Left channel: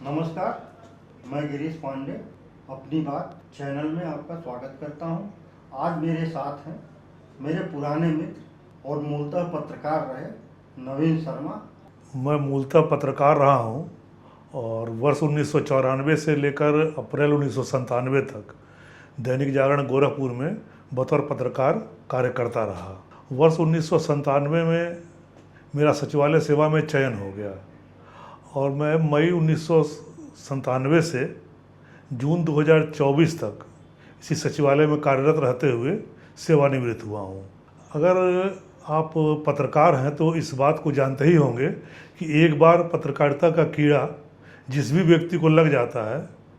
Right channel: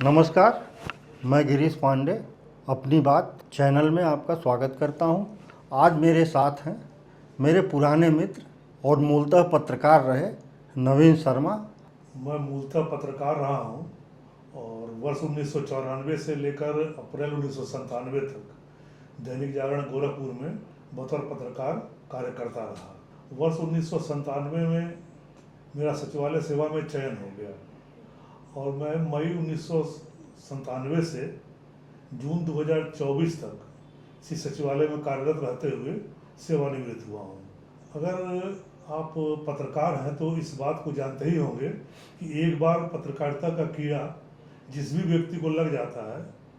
नमस्कार, मैं गिरीश पांडे अपनी बात चैनल में आपका स्वागत करता हूं। आज मेरे साथ हैं मेरे पुराने मित्र और मूलतः पत्रकार रहे नवीन शर्मा। मैं मूलतः पत्रकार रहा हूं और वर्ष 1994 से लेकर अप्रैल 1997 तक दैनिक जागरण गोरखपुर में बतौर पत्रकार कार्य करता रहा। वर्ष 1997 में मेरा सचिवालय सेवा में चयन हो गया और मैं मई 1997 से जून 2024 तक इसी सचिवालय में कार्यरत रहते हुए सेवानिवृत्त हुआ हूँ। अगर आप पत्रकार हैं तो इस बात को जानते ही होंगे कि एक बार पत्रकारिता का कीड़ा जिस भी व्यक्ति को लग जाता है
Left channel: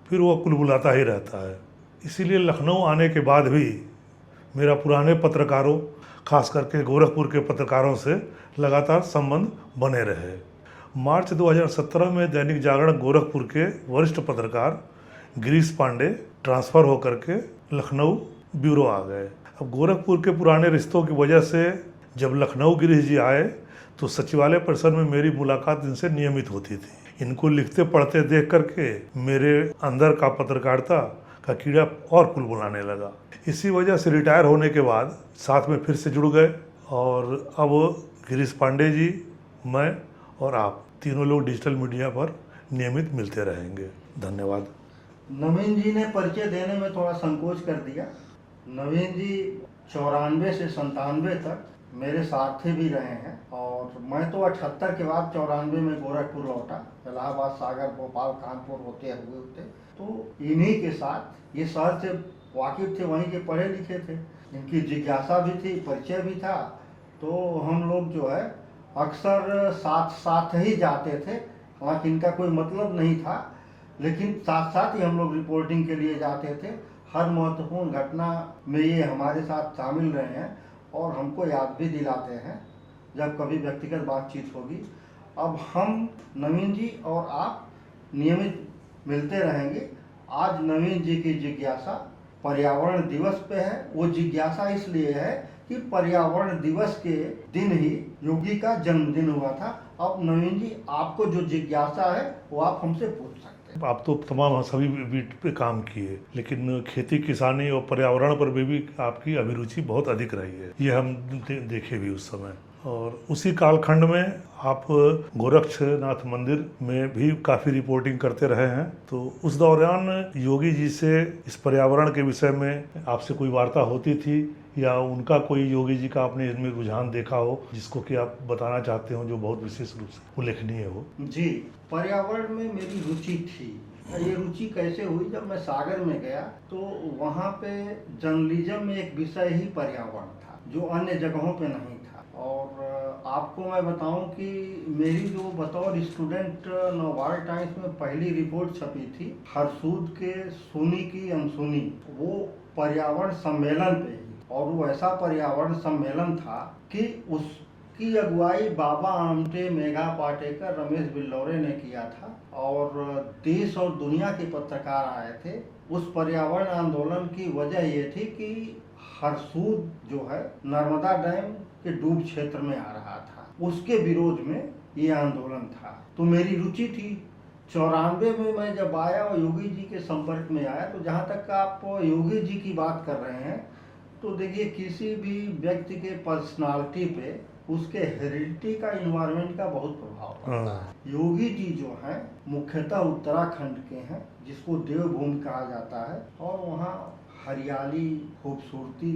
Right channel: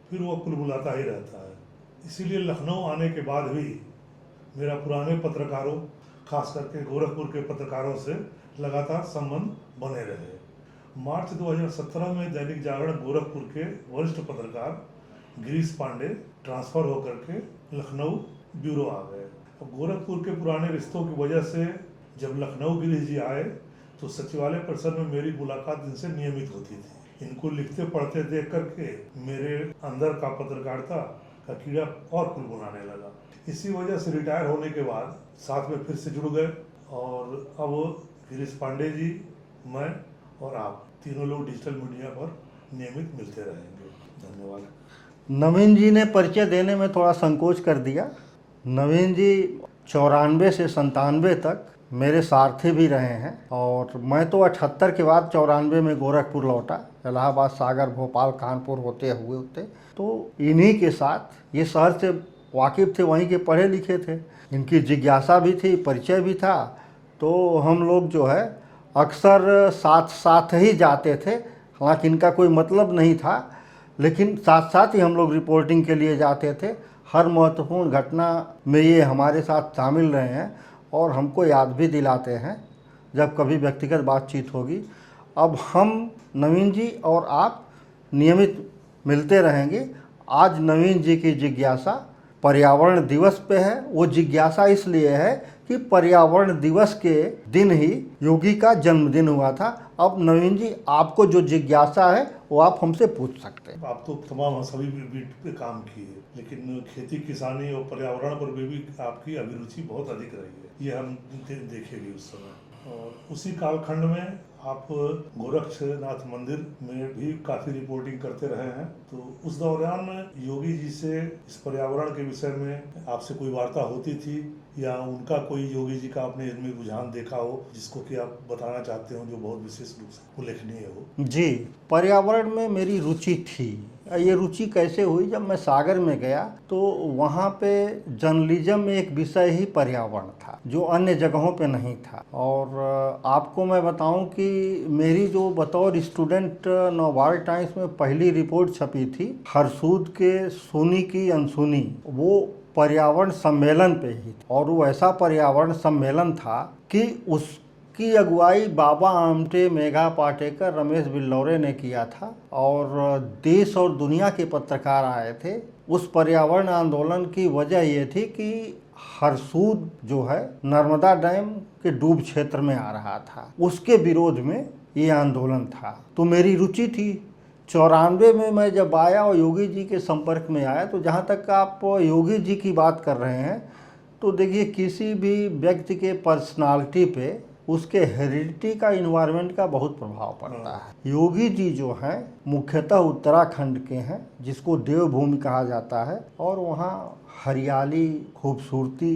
फिर वो कुलबुलाता ही रहता है। इसीलिए लखनऊ आने के बाद भी मेरा पुराने पत्रकारों, खास करके गोरखपुर के पत्रकारों से लगातार संबंध बने रहे। मार्च 2017 में दैनिक जागरण गोरखपुर के वरिष्ठ पत्रकार गिरीश पांडे ट्रांसफ़र होकर के लखनऊ ब्यूरो आ गए। अब गोरखपुर के पुराने रिश्तों की वजह से जब लखनऊ गिरीश जी आए तो सचिवालय परिसर में मेरी मुलाकात इनसे नियमित होती थी। इनको लिखते पढ़ते देख करके मेरे अंदर का पत्रकारिता का कीड़ा और कुलबुलाने लगा। इसी वजह से रिटायर होने के बाद साथ में फिर से जुड़ गए और अब गिरीश पांडे जी, मैं और आप तीनों लोग डिजिटल मीडिया पर नियमित मिलते रहेंगे। धन्यवाद। नवीन जी ने परिचय देने में थोड़ा संकोच कर दिया। नवीन जी 94 से 97 तक मेरे सारथी भी रहे हैं और मैं तो 78 के बाद 94 में गोरखपुर लौटा, इलाहाबाद, सागर, भोपाल, कानपुर होते तो इन्हीं के साथ ये शहर से वाकिफ़ थे, वहीं के पढ़े लिखे थे, इनकी जिज्ञासा भी थी, परिचय भी था। तो हम लोग जो है अक्सर साथ साथ ही जाते थे। हालांकि इनका कोई मतलब नहीं था, लेकिन साथ साथ ही हम लोग रिपोर्टिंग के लिए जाते थे। हर महत्वपूर्ण घटना में ये हमारे साथ शामिल रहे हैं और हमको याद भी दिलाते हैं जब कभी व्यक्तिगत बातचीत होगी। अब हम नवीन जी और आप नियमित मिलते रहेंगे। आज नवीन जी की जिज्ञासा पर्यावरण दिवस पे है। वो जिज्ञासा इसलिए है कि पर्यावरण दिवस के दिन ही योगी का जन्मदिन हुआ था। अब नवीन जी, आपको जो जिज्ञासा है वो आप हमसे पूछ सकते हैं। आप तो तमाम सभी बीट पे काम किए, लेकिन खेती किसानी और पर्यावरण पर भी आपकी अभिरुचि बहुत अधिक रही है, ये हम देखे भी उस समय। और उसी कालखंड में आप गोरक्षनाथ मंदिर में भी काफ़ी रिपोर्टिंग करते रहे हैं। तो उस दौरान योगी जी से इस पर्यावरण के विषय में आपसे कोई वार्ता होती थी या उनका कोई योगी जी का आपने इनमें रुझान देखा हो जिसको कि आप बताना चाहते हो, जो बहुत विशेष रूप से उल्लेखनीय हो? जी, पर्यावरण में मेरी रुचि थी। ये रुचि कैसे हुई? जब मैं सागर में गया तो वहाँ पे जर्नलिज्म में एक विषय ही पर्यावरण था जो अन्य जगहों पे नहीं था। और आपको मैं बताऊं कि मेरी जो बतौर स्टूडेंट नवभारत टाइम्स में पहली रिपोर्ट छपी थी हरसूद के सोनी की अनसुनी, वो पर्यावरण सम्मेलन पे ही। और वो ऐसा पर्यावरण सम्मेलन था कि उसकी अगुवाई बाबा आमटे, मेघा पाटेकर, रमेश बिल्लौरे ने किया था और देश और दुनिया के पत्रकार आए थे। उस पर्यावरण आंदोलन की वजह ये थी कि हरसूद जो है नर्मदा डैम के डूब क्षेत्र में आ रहा था, उसके विरोध में ये आंदोलन था। तो मेरी रुचि थी। 94 में मैं जब आया और योगी जी के संपर्क में आया, तो जहाँ तक आप योगी जी की बात कर रहे हैं तो देखिए, किसी भी व्यक्ति के पर्सनालिटी पे उसके हेरिडिटी का, इन्वायरमेंट का बहुत प्रभाव पड़ता है। योगी जी जो हैं मुख्यतः उत्तराखंड के हैं, जिसको देवभूमि कहा जाता है, और वहाँ हरियाली, खूबसूरती,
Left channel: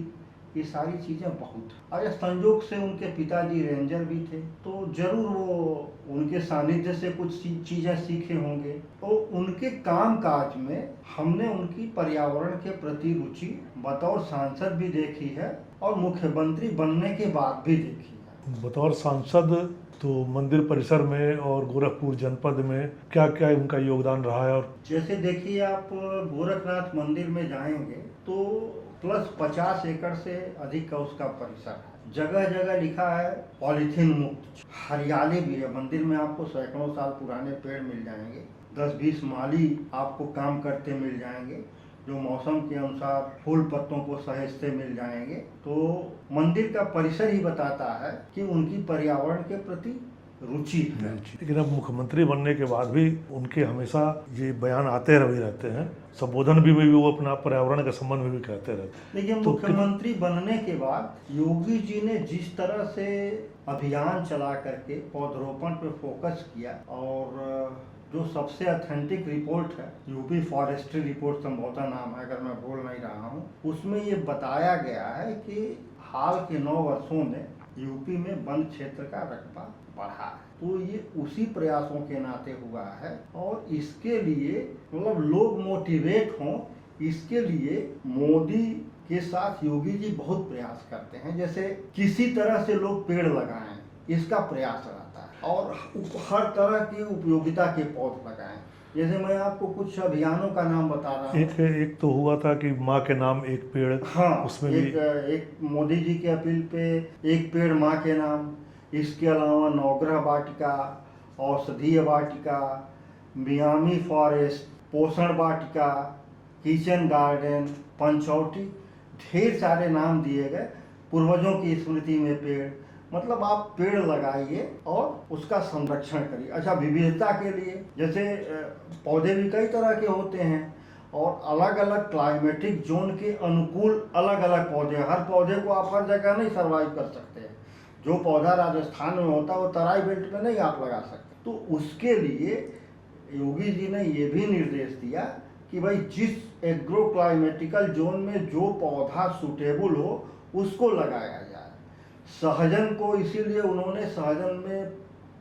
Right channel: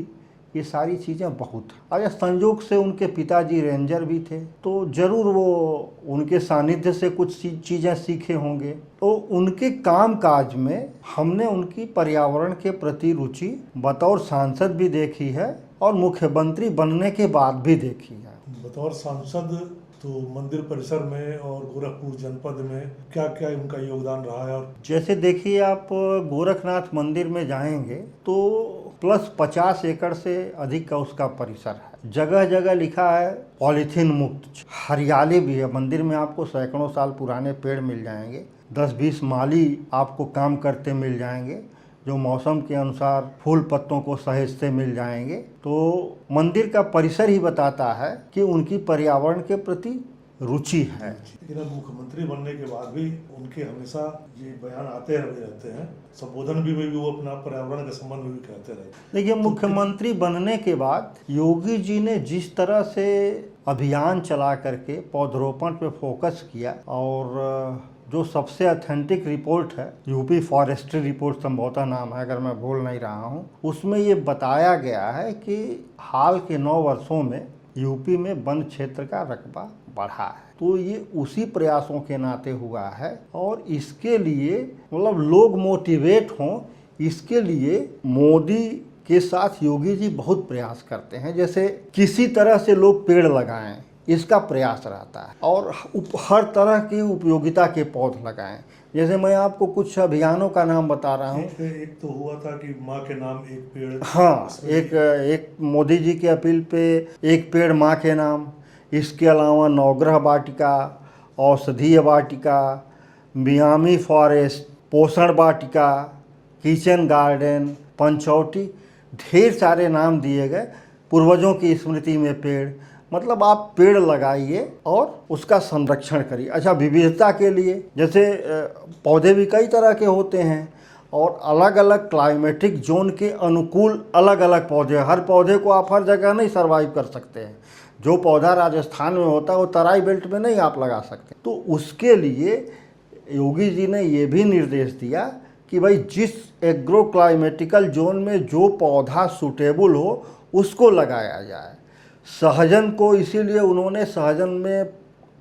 ये सारी चीज़ें बहुत। अगर संयोग से उनके पिताजी रेंजर भी थे तो जरूर वो उनके सानिध्य से कुछ चीज़ें सीखे होंगे। तो उनके काम काज में हमने उनकी पर्यावरण के प्रति रुचि बतौर सांसद भी देखी है और मुख्यमंत्री बनने के बाद भी देखी है। बतौर सांसद तो मंदिर परिसर में और गोरखपुर जनपद में क्या क्या उनका योगदान रहा है? और जैसे देखिए, आप गोरखनाथ मंदिर में जाएंगे तो प्लस 50 एकड़ से अधिक का उसका परिसर है। जगह जगह लिखा है पॉलीथीन मुक्त। हरियाली भी है मंदिर में, आपको सैकड़ों साल पुराने पेड़ मिल जाएंगे। 10-20 माली आपको काम करते मिल जाएंगे जो मौसम के अनुसार फूल पत्तों को सहेजते मिल जाएंगे। तो मंदिर का परिसर ही बताता है कि उनकी पर्यावरण के प्रति रुचि है। लेकिन अब मुख्यमंत्री बनने के बाद भी उनके हमेशा ये बयान आते रहे रहते हैं, संबोधन भी वो अपना पर्यावरण के संबंध में भी कहते रहते हैं। देखिए, मुख्यमंत्री बनने के बाद योगी जी ने जिस तरह से अभियान चला करके पौधरोपण पे फोकस किया, और जो सबसे ऑथेंटिक रिपोर्ट है, यूपी फॉरेस्ट्री रिपोर्ट संभवतः नाम है अगर मैं भूल नहीं रहा हूँ, उसमें ये बताया गया है कि हाल के 9 वर्षों में यूपी में वन क्षेत्र का रकबा बढ़ा है। तो ये उसी प्रयासों के नाते हुआ है, और इसके लिए मतलब लोग मोटिवेट हों, इसके लिए मोदी के साथ योगी जी बहुत प्रयास करते हैं। जैसे किसी तरह से लोग पेड़ लगाएं, इसका प्रयास रहता है, और हर तरह की उपयोगिता के पौध लगाएं। जैसे मैं आपको कुछ अभियानों का नाम बता रहा हूँ। एक तो हुआ था कि माँ के नाम एक पेड़, हाँ, एक मोदी जी की अपील पे एक पेड़ माँ के नाम। इसके अलावा नवग्रह वाटिका, औषधीय वाटिका, मियामी फॉरेस्ट, पोषण वाटिका, किचन गार्डन, पंचौटी, ढेर सारे नाम दिए गए। पूर्वजों की स्मृति में पेड़, मतलब आप पेड़ लगाइए और उसका संरक्षण करिए। अच्छा, विविधता के लिए जैसे पौधे भी कई तरह के होते हैं, और अलग अलग क्लाइमेटिक जोन के अनुकूल अलग अलग पौधे। हर पौधे को आप हर जगह नहीं सर्वाइव कर सकते हैं। जो पौधा राजस्थान में होता है वो तराई बेल्ट में नहीं आप लगा सकते। तो उसके लिए योगी जी ने ये भी निर्देश दिया कि भाई जिस एग्रो क्लाइमेटिकल जोन में जो पौधा सूटेबल हो उसको लगाया जाए। सहजन को इसीलिए उन्होंने, सहजन में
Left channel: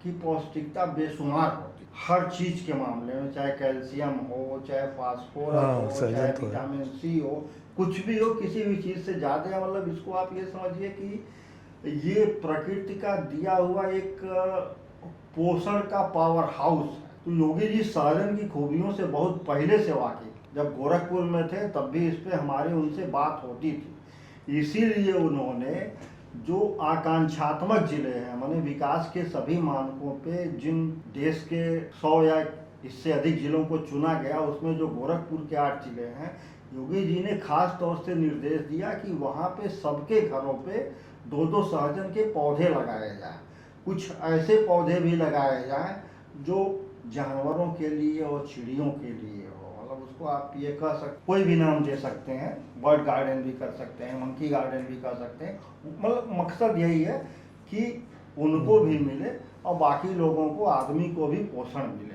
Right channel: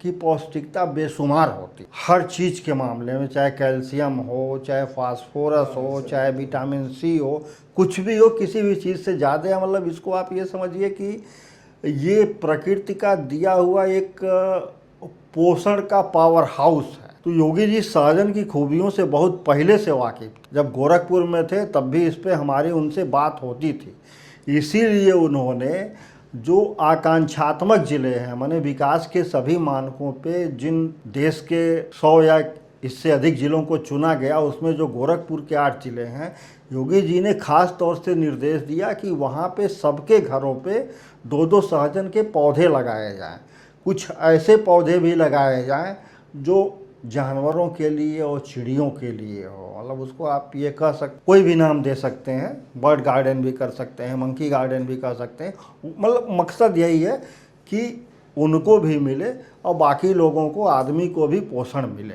की पौष्टिकता बेशुमार होती हर चीज़ के मामले में, चाहे कैल्शियम हो, चाहे फास्फोरस हो, चाहे विटामिन सी हो, कुछ भी हो, किसी भी चीज़ से ज़्यादा। मतलब इसको आप ये समझिए कि ये प्रकृति का दिया हुआ एक पोषण का पावर हाउस है। तो योगी जी सहजन की खूबियों से बहुत पहले से वाकिफ, जब गोरखपुर में थे तब भी इस पर हमारी उनसे बात होती थी। इसीलिए उन्होंने जो आकांक्षात्मक ज़िले हैं, माने विकास के सभी मानकों पे जिन देश के 100 या इससे अधिक ज़िलों को चुना गया, उसमें जो गोरखपुर के 8 ज़िले हैं, योगी जी ने खास तौर से निर्देश दिया कि वहाँ पे सबके घरों पे 2-2 सहजन के पौधे लगाए जाएं। कुछ ऐसे पौधे भी लगाए जाएं जो जानवरों के लिए और चिड़ियों के लिए हो। मतलब उसको आप ये कह सकते, कोई भी नाम दे सकते हैं, बर्ड गार्डन भी कर सकते हैं, मंकी गार्डन भी कर सकते हैं। मतलब मकसद यही है कि उनको भी मिले और बाकी लोगों को, आदमी को भी पोषण मिले।